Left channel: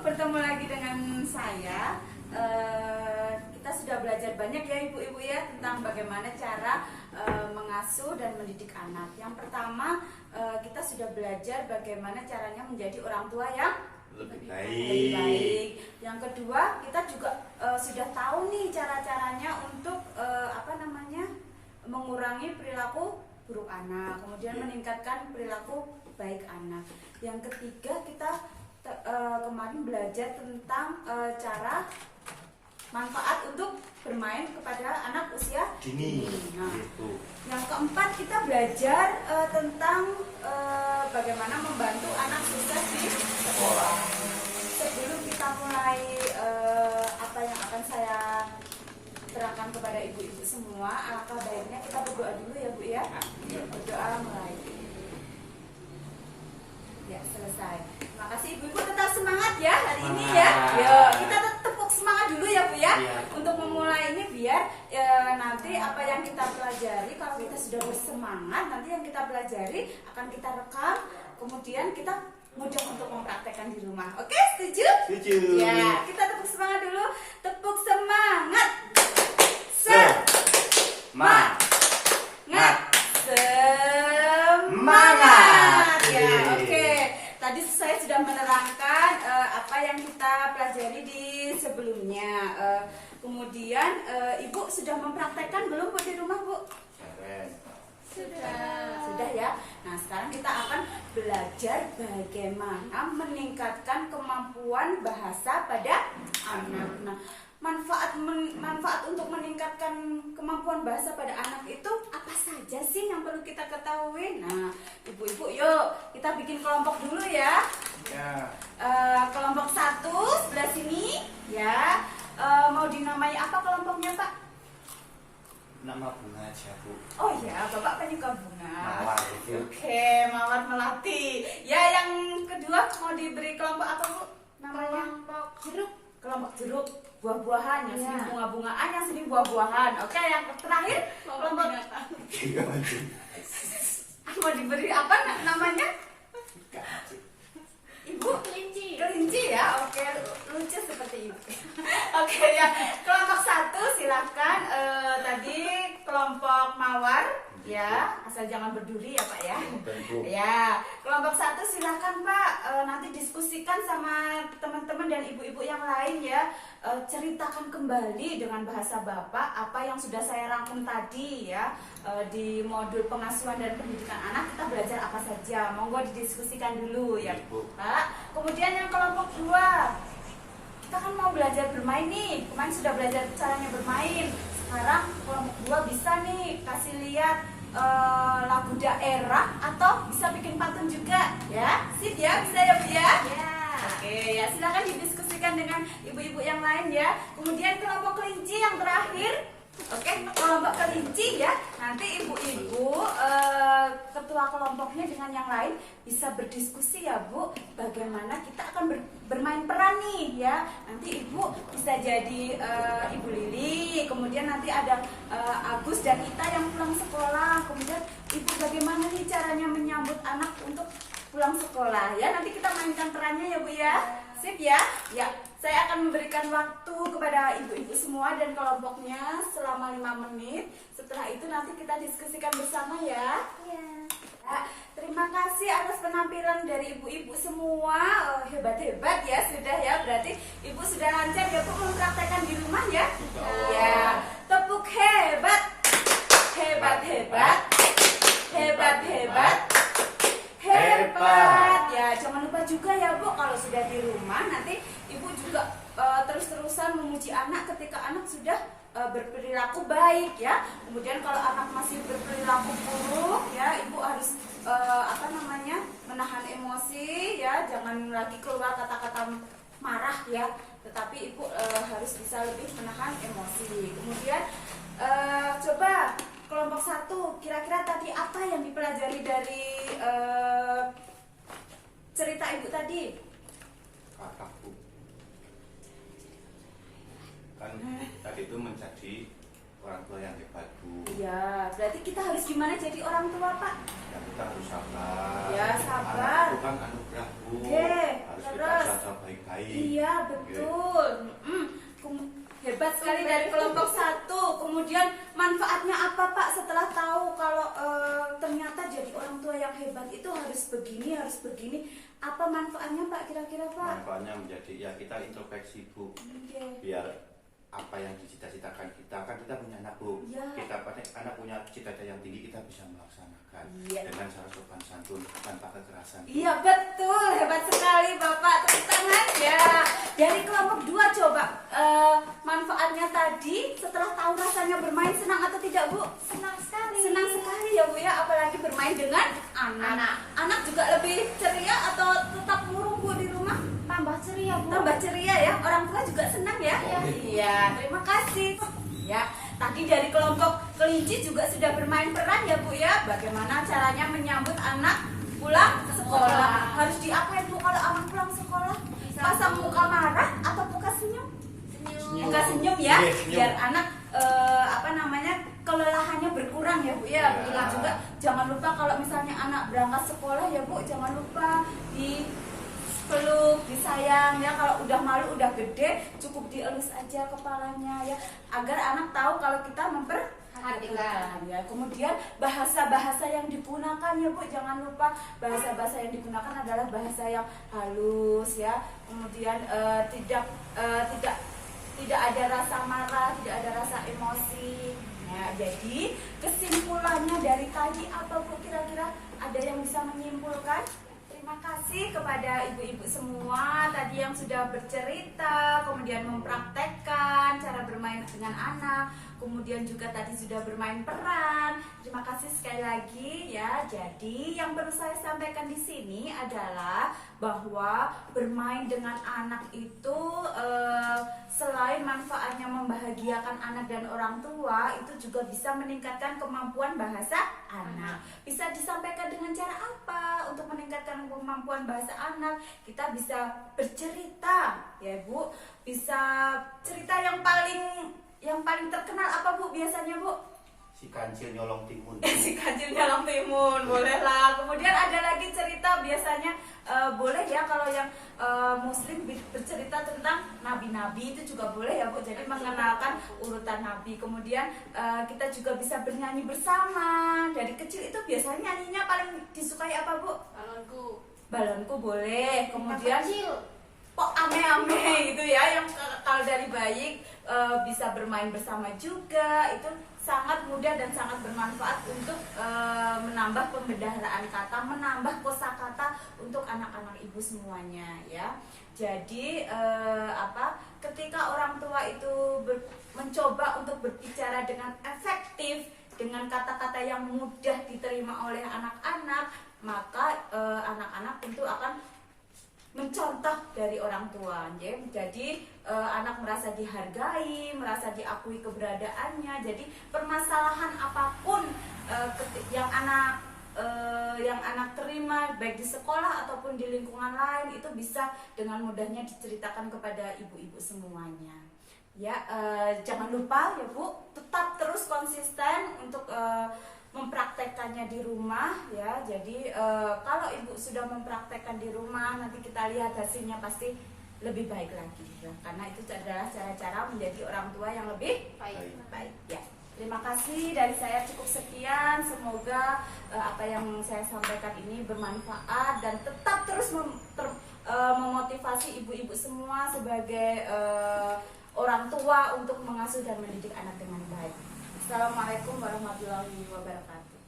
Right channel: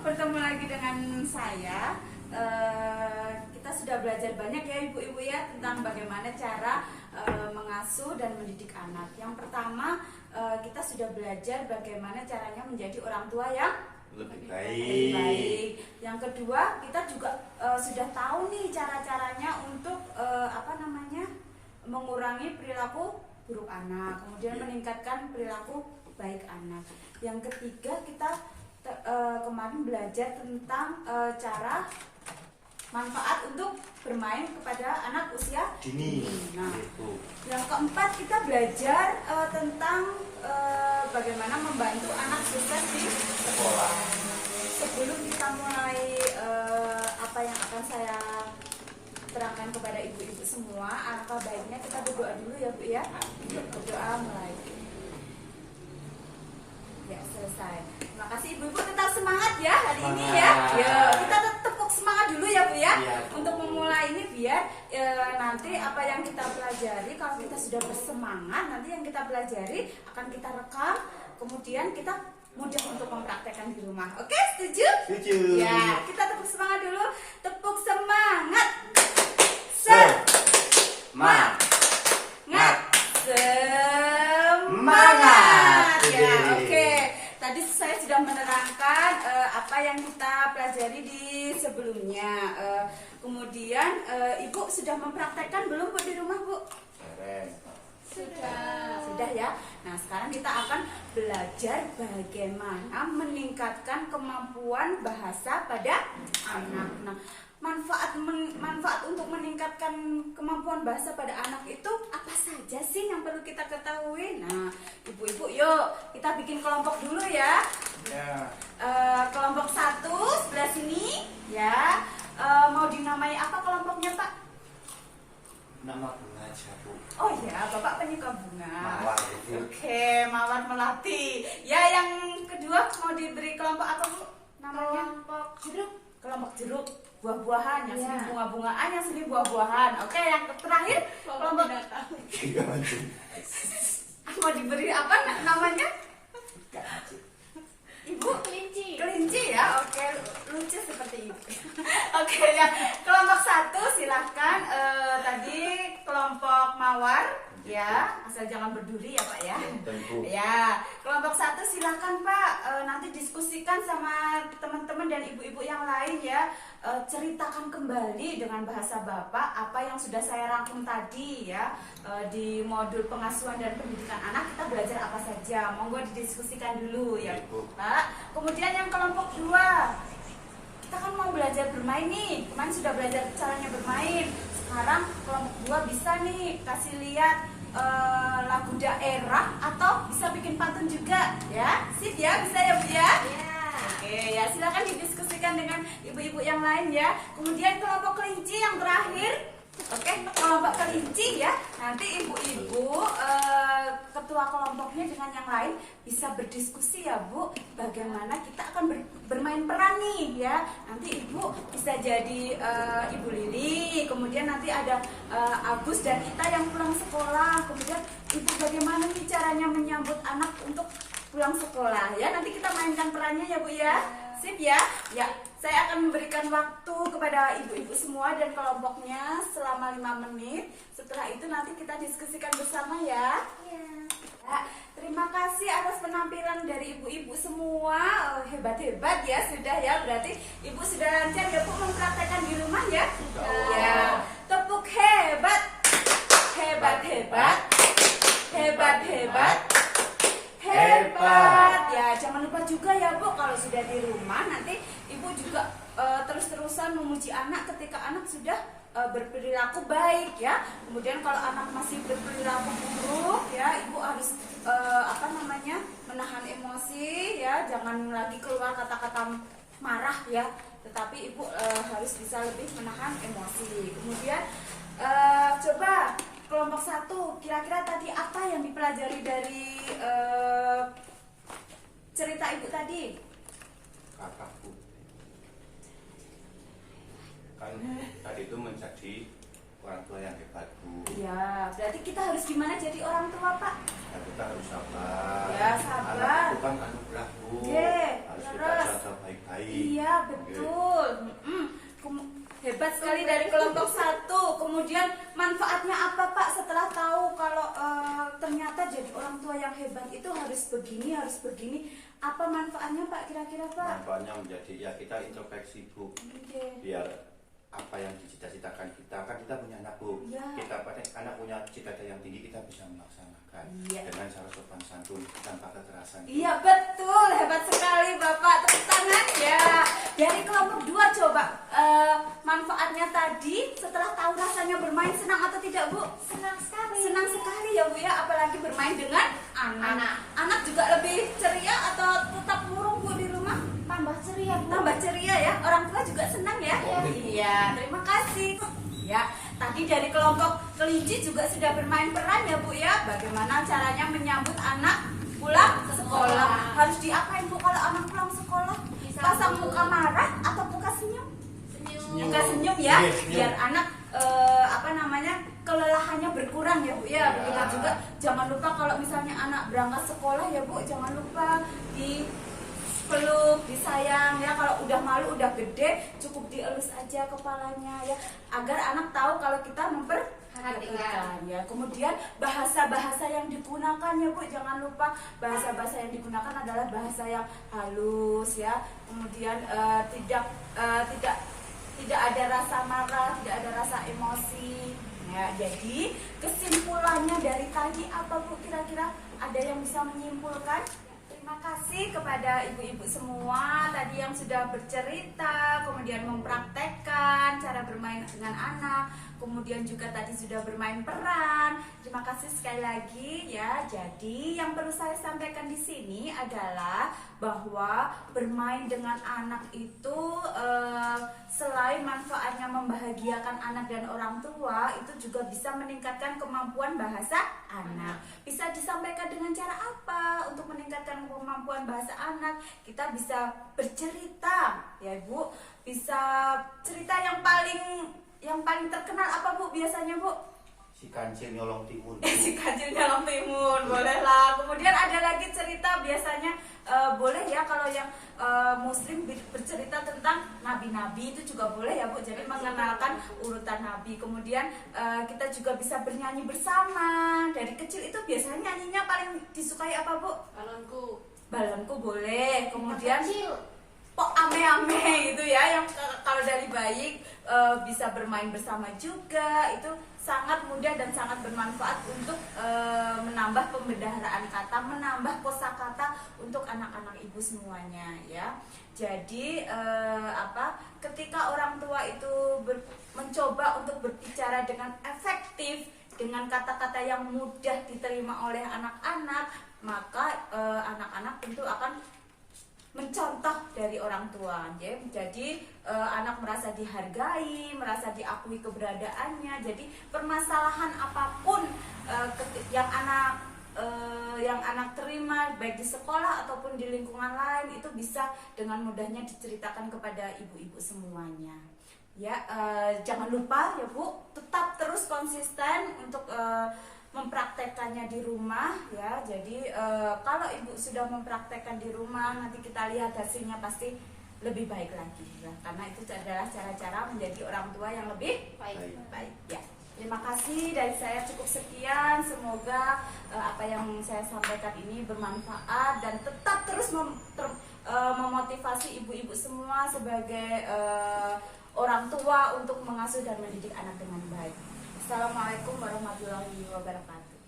bertemu lagi dengan saya. Kita sudah belajar banyak ya ibu-ibu ya tentang bagaimana cara mengasuh dan mendidik anak. Yang pertama kita sudah belajar bagaimana caranya menjadi orang tua yang lebih baik. baik. Yang kedua kita juga sudah tahu nih cara-caranya untuk mengurangi perilaku buruk anak, kemudian meningkatkan perilaku baik anak. Yang ketiga kita kemarin belajar tentang cara manfaat untuk bermain kepada anak usia dini. Nah, yang keempat kita belajar tentang bagaimana membantu anak sukses di sekolah. Sebelum kita mulai apa yang akan saya terangkan kepada ibu-ibu semua, alangkah baiknya kita berdoa dulu ya Bu ya. Berdoa mulai. Ya, selesai. Terima kasih ibu-ibu, tetap semangat ya hari ini ya. Ya, kita tepuk semangat dulu ya Bu ya. Untuk memulai ini biar nanti apa yang kita pelajari, kalau kita sudah bersemangat, nanti yang kita pelajari akan kita rekam, kemudian kita mudah untuk mempraktekkan di rumah. Oke, setuju? Setuju. Ya, kita tepuk semangat dulu. Tepuk semangat. Semangat. Ya, oke. Tadi saya sudah menerangkan apa yang kita pelajari di sebelumnya. Kemudian Ibu sudah mempraktekkan belum Bu di rumah Bu? Sudah ya. Nah, sekarang kita akan belajar bagaimana meningkatkan kemampuan bahasa pada anak. Nah, manfaat untuk meningkatkan kemampuan bahasa pada anak itu apa saja sih yang perlu kita ketahui? Nah, ibu-ibu yuk kita bikin kelompok dulu ya. Kelompok 1 sebelah sini ya. Mau dinamai apa kelompoknya Pak? Nama bunga aja Bu. Oh ya, Bapak penyuka bunga. Mawar. Oke, Mawar Melati. Ya, yang kedua mau diberi kelompok apa Bu? Namanya kelompok jeruk. Kelompok jeruk, buah-buahan, yang sini bunga-bungaan, yang sini buah-buahan. Oke, yang terakhir kelompok mau diberi apa namanya? Ibu kelinci ya. Oke, lucu seperti itu. Oke ya, kelompok 1 silahkan. Tadi kelompok mawar ya, asal jangan berduri ya Pak ya. Ya, kelompok 1 silahkan Pak. Nanti diskusikan sama teman-teman dan ibu-ibu yang lain ya. Ceritakan kembali dengan bahasa Bapak apa yang sudah saya rangkum tadi ya. Di modul pengasuhan dan pendidikan anak kita belajar apa saja. Monggo didiskusikan dulu ya Pak. Kemudian yang kelompok 2, kita kan mau belajar bermain nih. Kemarin sudah belajar caranya bermain. Sekarang kelompok 2 bisa nih kasih lihat lagu daerah atau bisa bikin pantun juga ya. Sip ya, bisa ya Bu ya? Oke ya, silakan didiskusikan dengan ibu-ibu yang lain ya. kemudian kelompok kelinci yang terakhir. Oke, kelompok kelinci ya. Nanti ibu-ibu ketua kelompoknya dengan yang lain bisa berdiskusi ya Bu. Bagaimana kita akan bermain peran nih ya. Nanti ibu bisa jadi Ibu Lili. Kemudian nanti ada Agus dan Ita yang pulang sekolah. Kemudian ibu bagaimana nih caranya menyambut anak untuk pulang sekolah ya. Nanti kita mainkan perannya ya Bu ya. Sip ya. Ya, saya akan memberikan waktu kepada ibu-ibu semua dan kelompoknya selama 5 menit. Setelah itu nanti kita diskusikan bersama ya. Ya, terima kasih atas penampilan dari ibu-ibu semua. Hebat-hebat ya sudah ya. Berarti ibu sudah lancar ya Bu mempraktekkan di rumah ya. Ya, tepuk hebat. Hebat-hebat. Hebat-hebat. Hebat ya, jangan lupa juga ya Bu, kalau sudah di rumah nanti ibu juga terus-terusan memuji anak ketika anak sudah berperilaku baik ya. Kemudian kalau anak masih berperilaku buruk ya, ibu harus menahan emosi ya, jangan lagi keluar kata-kata marah ya, tetapi ibu harus bisa lebih menahan emosi. Kemudian coba kelompok 1, kira-kira tadi apa yang dipelajari dari cerita ibu tadi? Kakakku kan tadi itu menjadi orang tua yang hebat Bu. Ya, berarti kita harus gimana jadi orang tua Pak? Ya, kita harus sabar. Ya, sabar. Anak itu kan anugerah Bu. Yeah. Harus terus. jaga baik-baik. Iya betul. Hebat sekali dari kelompok 1. Kemudian manfaatnya apa Pak setelah tahu kalau ternyata jadi orang tua yang hebat itu harus begini, harus begini. Apa manfaatnya Pak kira-kira Pak? Manfaatnya menjadi ya kita introspeksi Bu, biar apa yang dicita-citakan kita, kan kita punya anak Bu, Ya. kita anak punya cita-cita yang tinggi, kita bisa melaksanakan dengan cara sopan santun tanpa kekerasan. Iya betul, hebat sekali Bapak, tepuk tangan ya. Dari kelompok 2 coba manfaatnya tadi setelah tahu rasanya bermain, senang atau tidak Bu? Senang sekali. Senang sekali ya Bu ya, apalagi bermain dengan anak. Anak juga lebih ceria atau tetap murung Bu di rumah? Tambah ceria Bu. Tambah ceria ya, orang tua juga senang ya. Iya, terima kasih. Ya, tadi dari kelompok kelinci juga sudah bermain peran ya Bu ya. Bagaimana caranya menyambut anak pulang sekolah? Harus diapain Bu kalau anak pulang sekolah? Pasang muka marah atau muka senyum? Muka senyum ya, biar anak kelelahannya berkurang ya Bu ya. Ingat juga jangan lupa kalau misalnya anak berangkat sekolah ya Bu, jangan lupa peluk, disayang ya. Kalau udah malu, udah gede, cukup dielus aja kepalanya ya, agar anak tahu kalau kita memperhatikan ya. Kemudian bahasa-bahasa yang digunakan ya Bu, jangan lupa bahasa-bahasa yang digunakan adalah bahasa yang halus ya. Kemudian tidak ada rasa marah, tidak ada rasa emosi ya. Jadi kesimpulannya dari tadi apa Bu kira-kira? Ada yang bisa menyimpulkan? Terima kasih kepada ibu-ibu semua tadi yang sudah bercerita, kemudian mempraktekkan cara bermain dengan anak, kemudian juga tadi sudah bermain peran. Terima kasih sekali lagi ya. Jadi yang perlu saya sampaikan di sini adalah bahwa bermain dengan anak itu selain manfaatnya membahagiakan anak dan orang tua, itu juga bisa meningkatkan kemampuan bahasa anak. Bisa disampaikan dengan cara apa untuk meningkatkan kemampuan bahasa anak? Kita bisa bercerita ya Bu. Bisa cerita yang paling terkenal apa Bu biasanya Bu? Si kancil nyolong timun. Si kancil nyolong timun, boleh lah. Kemudian ada lagi cerita biasanya boleh ya kalau yang muslim bercerita tentang nabi-nabi, itu juga boleh ya Bu. Jadi mengenalkan urutan nabi. Kemudian kita juga bisa bernyanyi bersama. Dari kecil itu biasanya nyanyinya paling disukai apa Bu? Balonku boleh. Kemudian kok ame-ame gitu ya, yang kalau dari bayi bisa bermain bersama juga. Itu sangat mudah dan sangat bermanfaat untuk menambah pembendaharaan kata, menambah kosakata untuk anak-anak ibu semuanya ya. Jadi ketika orang tua itu mencoba untuk berbicara dengan efektif, dengan kata-kata yang mudah diterima oleh anak-anak, maka anak-anak tentu akan mencontoh dari orang tua ya. Jadi anak merasa dihargai, merasa diakui keberadaannya. Jadi permasalahan apapun yang anak terima baik di sekolah ataupun di lingkungan lain, itu bisa dengan mudahnya diceritakan kepada ibu-ibu semuanya ya. Jangan lupa ya Bu, tetap terus konsisten untuk mempraktekannya di rumah ya. Jadi kalau ibu sudah mempraktekkan di rumah, nanti kita lihat hasilnya pasti lebih baik lagi ya. Karena itu adalah cara-cara menjadi orang tua yang lebih baik ya. Terima kasih dari saya, cukup sekian. Semoga apa yang saya sampaikan ini bermanfaat dan tetap terus memotivasi ibu-ibu semua sebagai orang tua untuk mengasuh dan mendidik anak dengan baik. Assalamualaikum warahmatullahi wabarakatuh.